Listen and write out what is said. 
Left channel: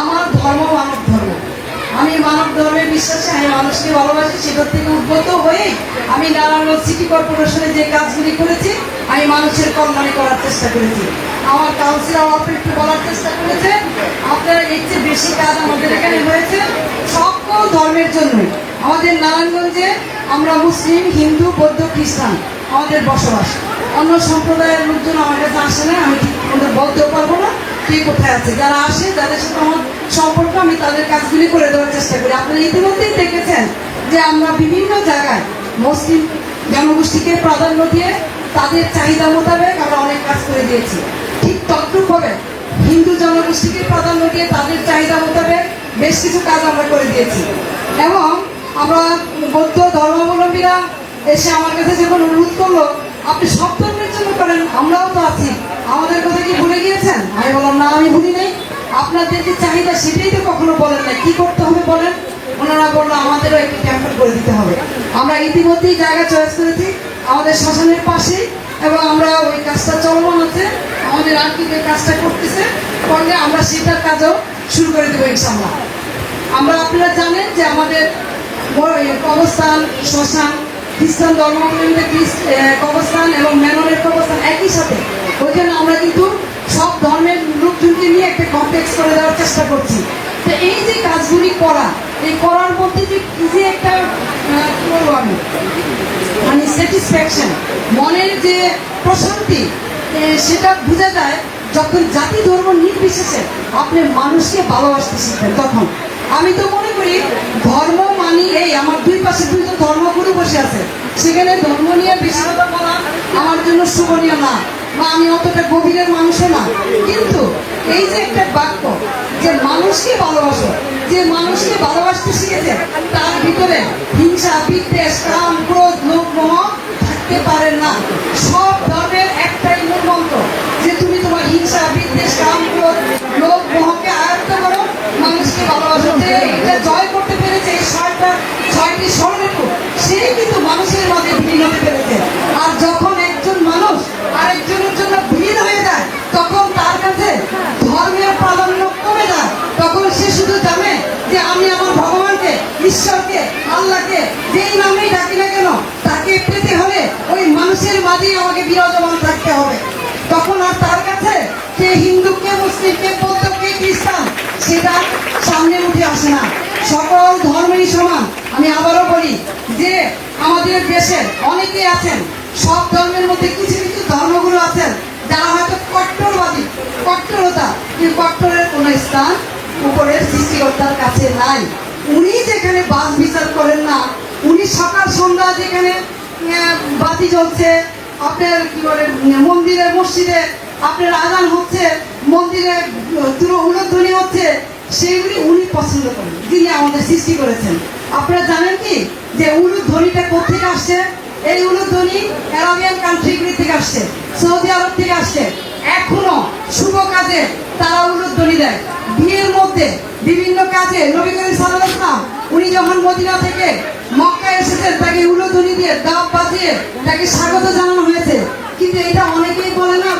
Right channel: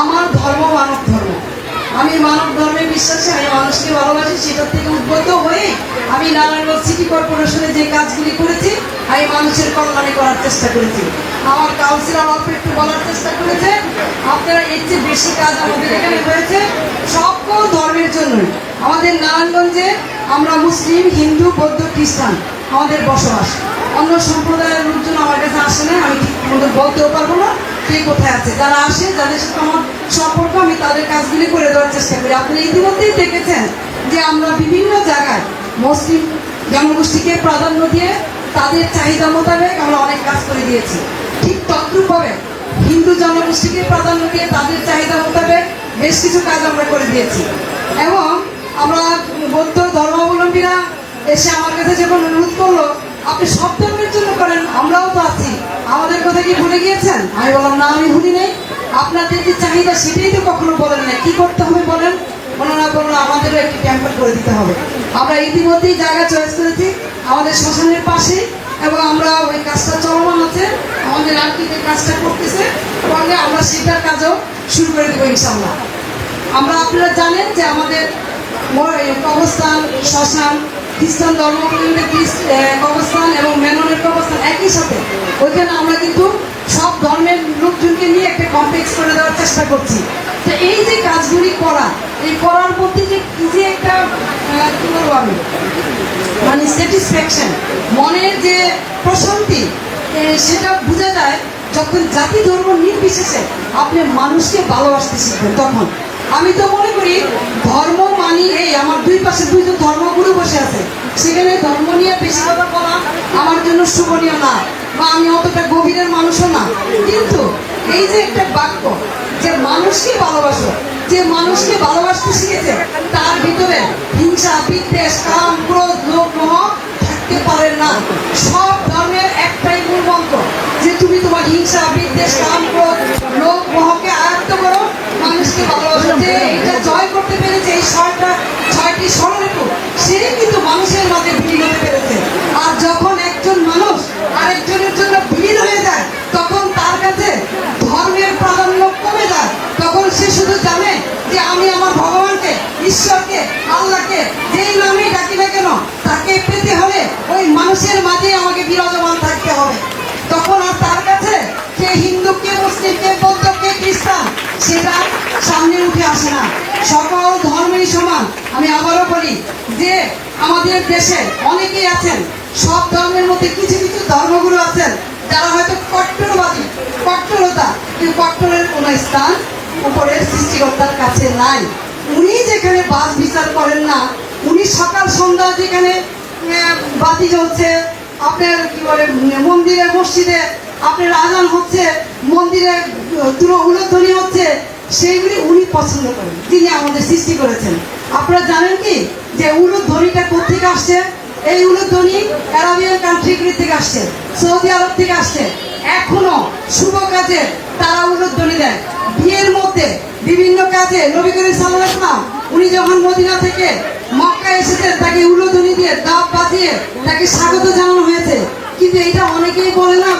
আমার ধর্ম মানব ধর্ম, আমি মানব ধর্মে বিশ্বাসী, আমি মানুষকে ভালোবাসি। সেটার থেকে উদ্বুদ্ধ হয়ে আমি নারায়ণগঞ্জ সিটি কর্পোরেশনে যে কাজগুলি করেছি, আমি মানুষের কল্যাণে করার চেষ্টা করেছি। আমার কাউন্সিলর একটু বলার চেষ্টা করেছে, আপনারা এর চেয়ে বেশি কাজ আমাদের এখানে হয়েছে সকল ধর্মের জন্যই। আমাদের নারায়ণগঞ্জে আমরা মুসলিম, হিন্দু, বৌদ্ধ, খ্রিস্টান আমাদের বসবাস। অন্য সম্প্রদায়ের লোকজন আমার কাছে আসে না, আমি বলতেও পারবো না কে কোথায় আছে। যারা আসে, যাদের সাথে আমার সম্পর্ক, আমি তাদের কাজগুলি করে দেওয়ার চেষ্টা করি। আপনারা ইতিমধ্যেই দেখেছেন যে আমরা বিভিন্ন জায়গায় মুসলিম জনগোষ্ঠীকে প্রাধান্য দিয়ে তাদের চাহিদা মোতাবেক আমরা অনেক কাজ করে দিয়েছি। ঠিক তদ্রূপভাবে হিন্দু জনগোষ্ঠীকে প্রাধান্য দিয়ে তাদের চাহিদা মোতাবেক বেশ কিছু কাজ আমরা করে দিয়েছি। এবং আমরা বৌদ্ধ ধর্মাবলম্বীরা এসে আমার কাছে যখন অনুরোধ করলো, আপনি সব ধর্মের জন্য করেন, আমরাও তো আছি, আমাদের কথা কি ভুলে গিয়েছেন? আমি বললাম না, আমি ভুলি নেই। আপনাদের যে চাহিদা সেটাই তো কখনো বলেন নাই, কি করতে হবে বলেন। ওনারা বললো আমাদেরও একটি ক্যাম্পেন করে দিতে হবে। আমরা ইতিমধ্যেই জায়গা চয়েস করেছি আমাদের শ্মশানের পাশে, এবং আমরা ওই কাজটা চলমান আছে। আমাদের আর্থিকের কাজটা করতেছে, করলে আমরা সেটার কাজও শুরু করে দেবো ইনশাল্লাহ। আমরা, আপনারা জানেন যে আমাদের কবরস্থান, শ্মশান, খ্রিস্টান ধর্মাবলম্বীদের কবরস্থান এবং মেননের কবরস্থান একই সাথে। ওইখানে আমরা কিন্তু সব ধর্মের লোকজনকে নিয়ে একটা কমপ্লেক্স করে দেওয়ার চেষ্টা করছি। তো এই যে কাজগুলি করা, এই করার মধ্যে যে কি যে একটা কি বলবো আমি, মানে স্যাটিসফ্যাকশন, মনের যে প্রশান্তি, সেটা বোঝা যায় যখন জাতি ধর্ম নির্বিশেষে আপনি মানুষকে ভালোবাসতে শিখবেন। তখন আমি তো মনে করি ধর্ম মানি, এই আমার দুই পাশে দুইটা ধর্মগুরু বসে আছে, সেখানে ধর্ম নিয়ে বেশি কথা বলা আমার জন্য শোভনীয় না, বা আমি অতটা গভীরের মানুষও না। কিন্তু এই যে একটা বাক্য যে মানুষকে ভালোবাসো, যে মানুষকে ভালোবাসতে শিখেছে, তার ভিতরে হিংসা, বিদ্বেষ, কাম, ক্রোধ, লোভ, মোহ থাকতে পারে না। সব ধর্মের একটাই মূল মন্ত্র যে তুমি তোমার হিংসা, বিদ্বেষ, কাম, ক্রোধ, লোভ, মোহকে আয়ত্ত করো, মানুষকে ভালোবাসো। এটা জয় করতে পেরেছে এই ছয়টি স্বরূপ, সেই কিন্তু মানুষের মাঝে ভিড় হতে পেরেছে। আর যখন একজন মানুষ আরেকজনের জন্য ভিড় হয়ে যায়, তখন তার কাছে ধর্মের প্রাধান্য কমে যায়। তখন সে শুধু জানে যে আমি আমার ভগবানকে, ঈশ্বরকে, আল্লাহকে যেই নামেই ডাকি না কেন, তাকে পেতে হলে ওই মানুষের মাঝে আমাকে বিরাজমান থাকতে হবে। তখন আর তার কাছে কে হিন্দু, কে মুসলিম, কে বৌদ্ধ, কে খ্রিস্টান, সেটা সামনে উঠে আসে না। সকল ধর্মেরই সমান। আমি আবারও বলি যে আমাদের দেশে অনেকেই আছেন, সব ধর্মের মধ্যে কিছু কিছু ধর্মগুলো আছেন যারা হয়তো কট্টরবাদী, কট্টরতা, কিন্তু কট্টরের কোন স্থান উপরের সৃষ্টিকর্তার কাছে নাই। উনি যেখানে বাস বিচার করেন না, উনি সকাল সন্ধ্যা যেখানে বাতি জ্বলছে, আপনার কি বলে মন্দিরে, মসজিদে আপনার আজান হচ্ছে, মন্দিরে উলুধ্বনি হচ্ছে, সেইগুলি উনি পছন্দ করেন, যিনি আমাদের সৃষ্টি করেছেন। আপনারা জানেন কি যে উলুধ্বনিটা কোথেকে আসছে? এই উলুধ্বনি আরাবিয়ান কান্ট্রিগুলি থেকে আসছে, সৌদি আরব থেকে আসছে। এখনো শুভ কাজে তারা উলুধ্বনি দেয়। বিয়ের মধ্যে, বিভিন্ন কাজে নবী করিম সাল্লাল্লাহু আলাইহি ওয়াসাল্লাম উনি যখন মদিনা থেকে মক্কা এসেছেন, তাকে উলুধ্বনি দিয়ে, দাব বাজিয়ে তাকে স্বাগত জানানো হয়েছে। কিন্তু এটা অনেকেই বলে না।